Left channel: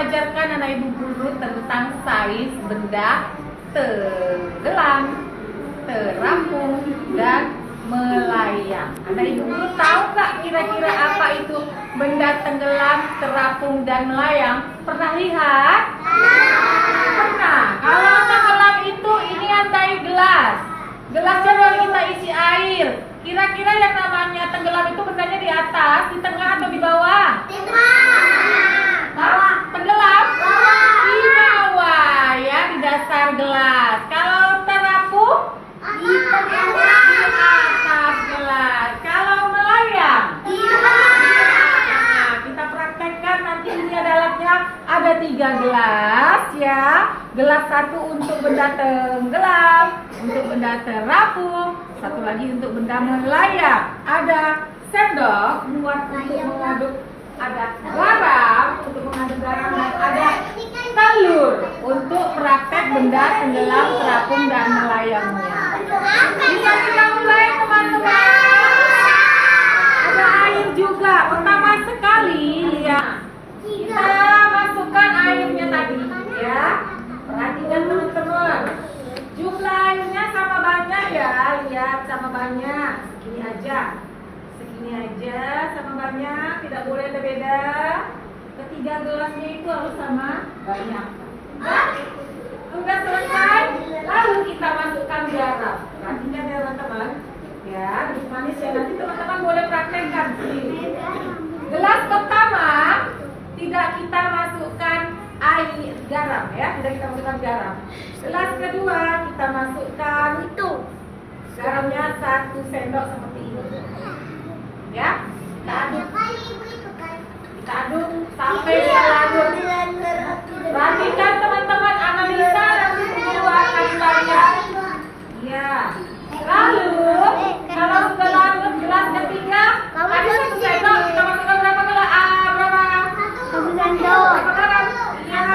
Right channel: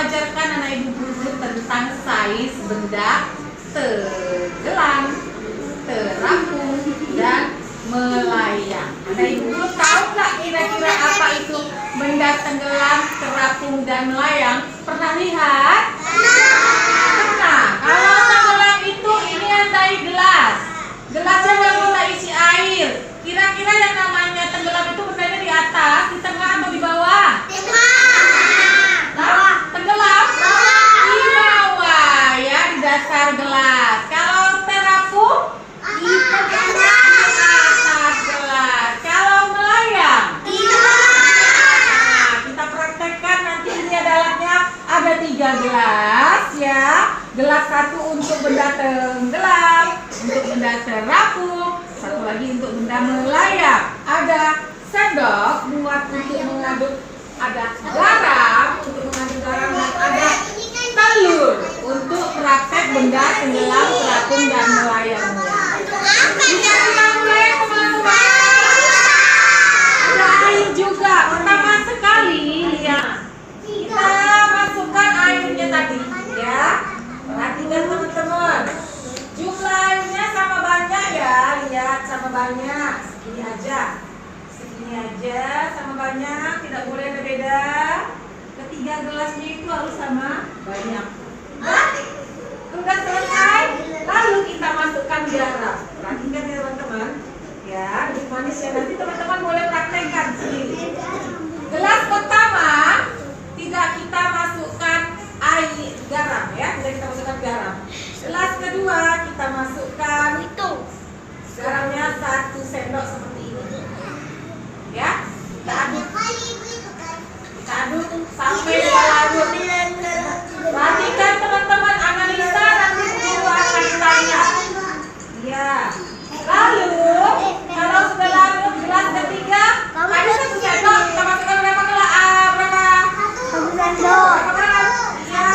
ajarkan anak ibu guru tentang sais benda tenggelam, terapung, dan melayang. Anak ibu guru tahu nggak kira-kira apa itu benda tenggelam, terapung, dan melayang? Pernah lihat? Pernah. Kalau tenggelam itu ini ada gelas. Gelasnya lalu kita isi air. Kira-kira yang namanya tenggelam itu bendanya di atas, di tengah, atau di bawah? Nah, tenggelam di bawah ya, di dasar gelas. Kalau terapung di atas gelas. Kalau melayang di nah, kita praktekkan nanti. Ini adalah ada 3 gelas ya. Gelas satu untuk benda tenggelam, untuk benda terapung, satu lagi untuk benda melayang. Ada sendok buat untuk mengaduk, ada garam untuk mengaduk garam, dan ada telur untuk praktek benda tenggelam, terapung, dan melayangnya. Bisa kita mulai teman-teman. Ada air juga. Pertama sekali lihat, kita masukkan airnya tadi ya. Perhatikan teman-teman. Jumlah airnya sama banyak ya, lihat sama banyak. Segini aja. Segini aja sama banyak, tidak boleh beda-beda. Ketiga gelasnya itu harus sama banyak. Sudah selesai, lalu kita masukkan garam. Perhatikan ya teman-teman. Ya, lebih manis ya. Nanti teman-teman boleh praktekkan sendiri. Gelas pertama tidak kita masukkan air garam ya, tidak kita masukkan garam. Gelas kedua kita masukkan itu garamnya 1 sendok seperti ini. Ya, kita aduk. Kita aduk sampai dia larut. Perhatikan teman-teman, analisa nanti guru akan tanya. Ya. Lalu kalau sudah larut gelas ketiga, tadi 1 sendok kita masukkan berapa gelas? Berapa? 1 sendok. Berapa garam? Ya.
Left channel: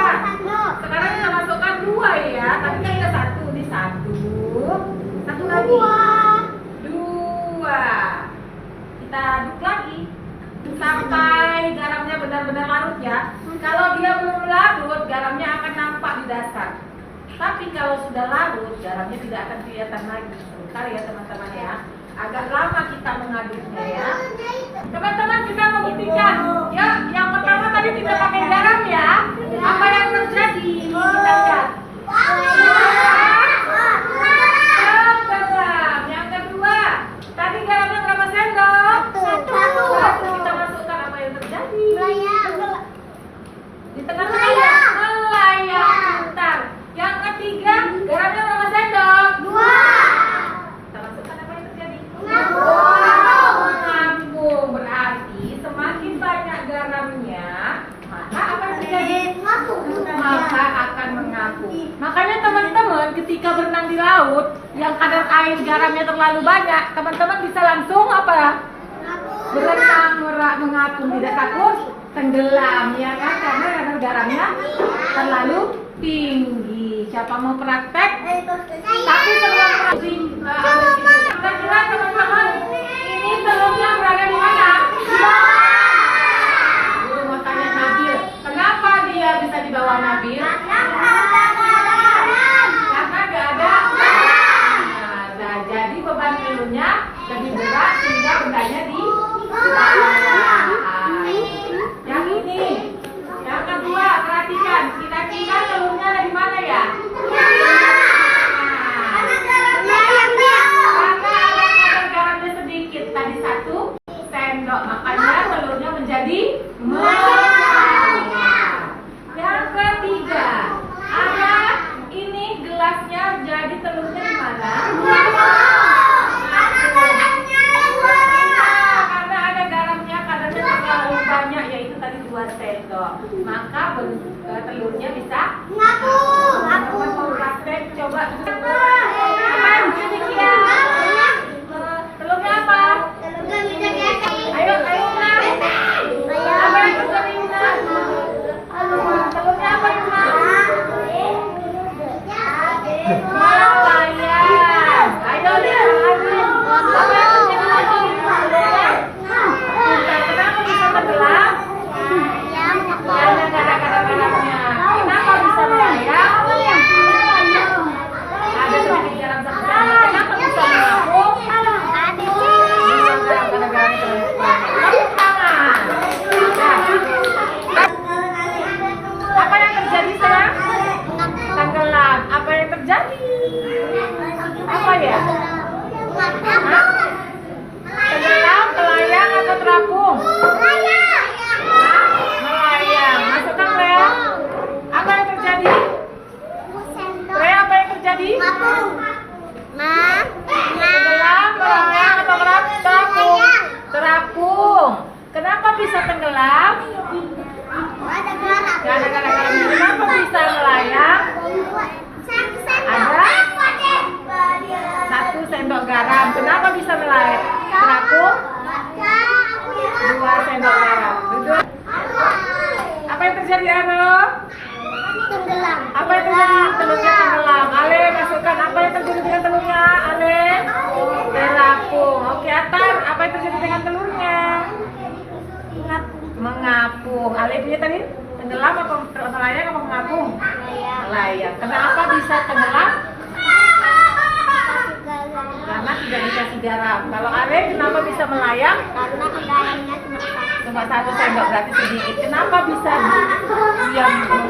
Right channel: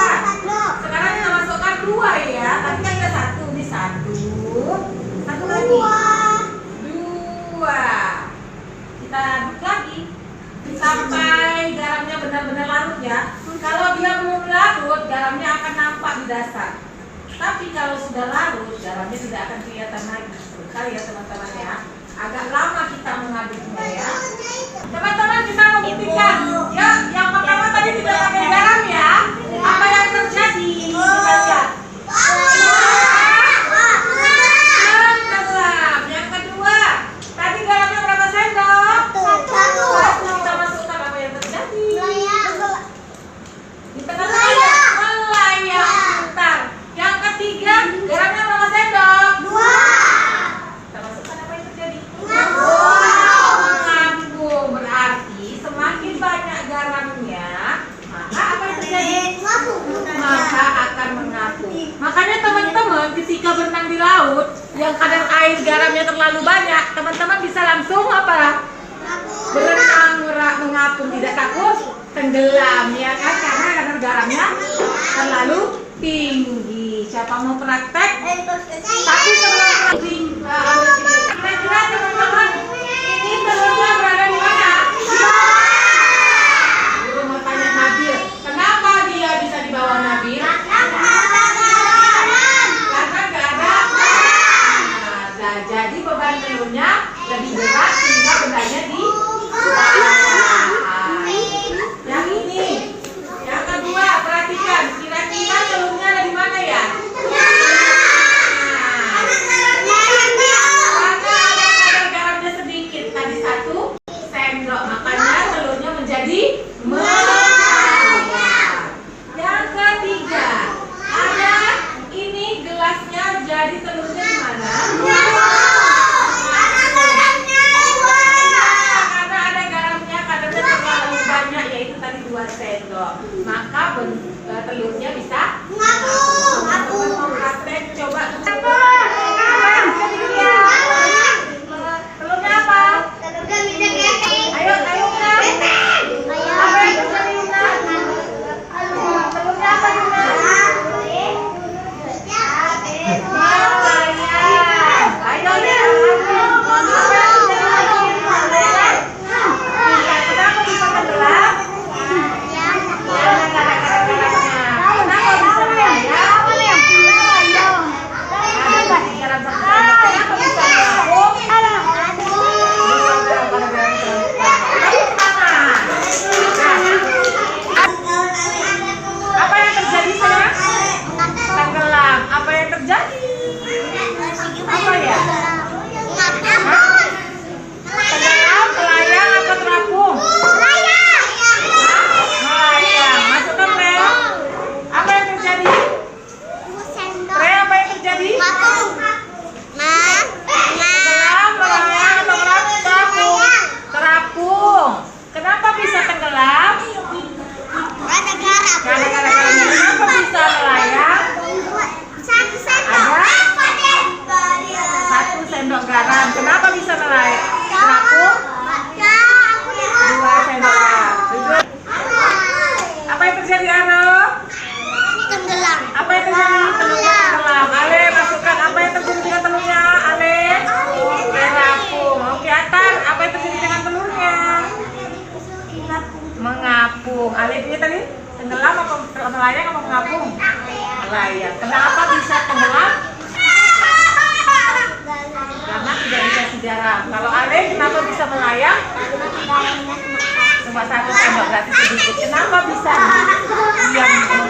Sekarang kita masukkan 2 ya. Tadi kan ada 1, ini 1. Satu lagi. 2. Kita aduk lagi sampai garamnya benar-benar larut ya. Kalau dia belum larut, garamnya akan nampak di dasar. Tapi kalau sudah larut, garamnya tidak akan kelihatan lagi. Sebentar ya teman-teman ya. Agak lama kita mengaduknya ya. Teman-teman, kita membuktikan. Ya, yang pertama tadi tidak pakai garam ya. Apa yang terjadi? Kita lihat. Tenggelam. Yang kedua, tadi garamnya berapa sendok? 1. Kita masukkan, apa yang terjadi? Di tengah-tengah melayang. Bentar. Yang ketiga, garamnya berapa sendok? 2. Kita masukkan, apa yang terjadi? Mengapung. Berarti semakin banyak garamnya, maka apa yang terjadi? Maka akan mengapung. Makanya teman-teman ketika berenang di laut, yang kadar air garamnya terlalu banyak, teman-teman bisa langsung apa? Berenang mengapung, tidak takut tenggelam ya kan, karena kadar garamnya terlalu tinggi. Siapa mau praktek? Tapi sebelum kira-kira teman-teman, ini telurnya berada di mana? Guru mau tanya Nabil, kenapa dia bisa di bawah Nabil? Karena nggak ada. Nah, jadi beban telurnya lebih berat sehingga bendanya di yang ini. Yang kedua, perhatikan, kira-kira telurnya ada di mana ya? Karena ada kadar garamnya sedikit, tadi 1 sendok, makanya telurnya menjadi melayang. Yang ketiga, ada ini gelasnya, jadi telurnya di mana? Banyak, yaitu tadi 2 sendok, maka telurnya bisa ngapung. Mau praktek, coba. Telurnya apa? Ayo, Una. Apa yang terjadi, Una? Telurnya apa, Una? Ayo, apa yang terjadi? Kenapa bisa tenggelam? Karena Gara-gara kenapa bisa melayang? Ada 1 sendok garam. Kenapa bisa melayang? Terapung 2 sendok garam. Apa yang terjadi, Aro? Tenggelam. Apa yang terjadi? Telurnya tenggelam. Ale, masukkan apa yang terjadi dengan telurnya? Ale, terapung. Oke, Atan, apa yang terjadi dengan telurnya? Mengapung. Ale punya tadi tenggelam apa melayang apa mengapung? Melayang. Kenapa bisa tenggelam? Karena tidak dikasih garam. Kalau Ale kenapa bisa melayang? Karena garamnya Cuma 1 sendok, berarti sedikit. Kenapa bisa diam?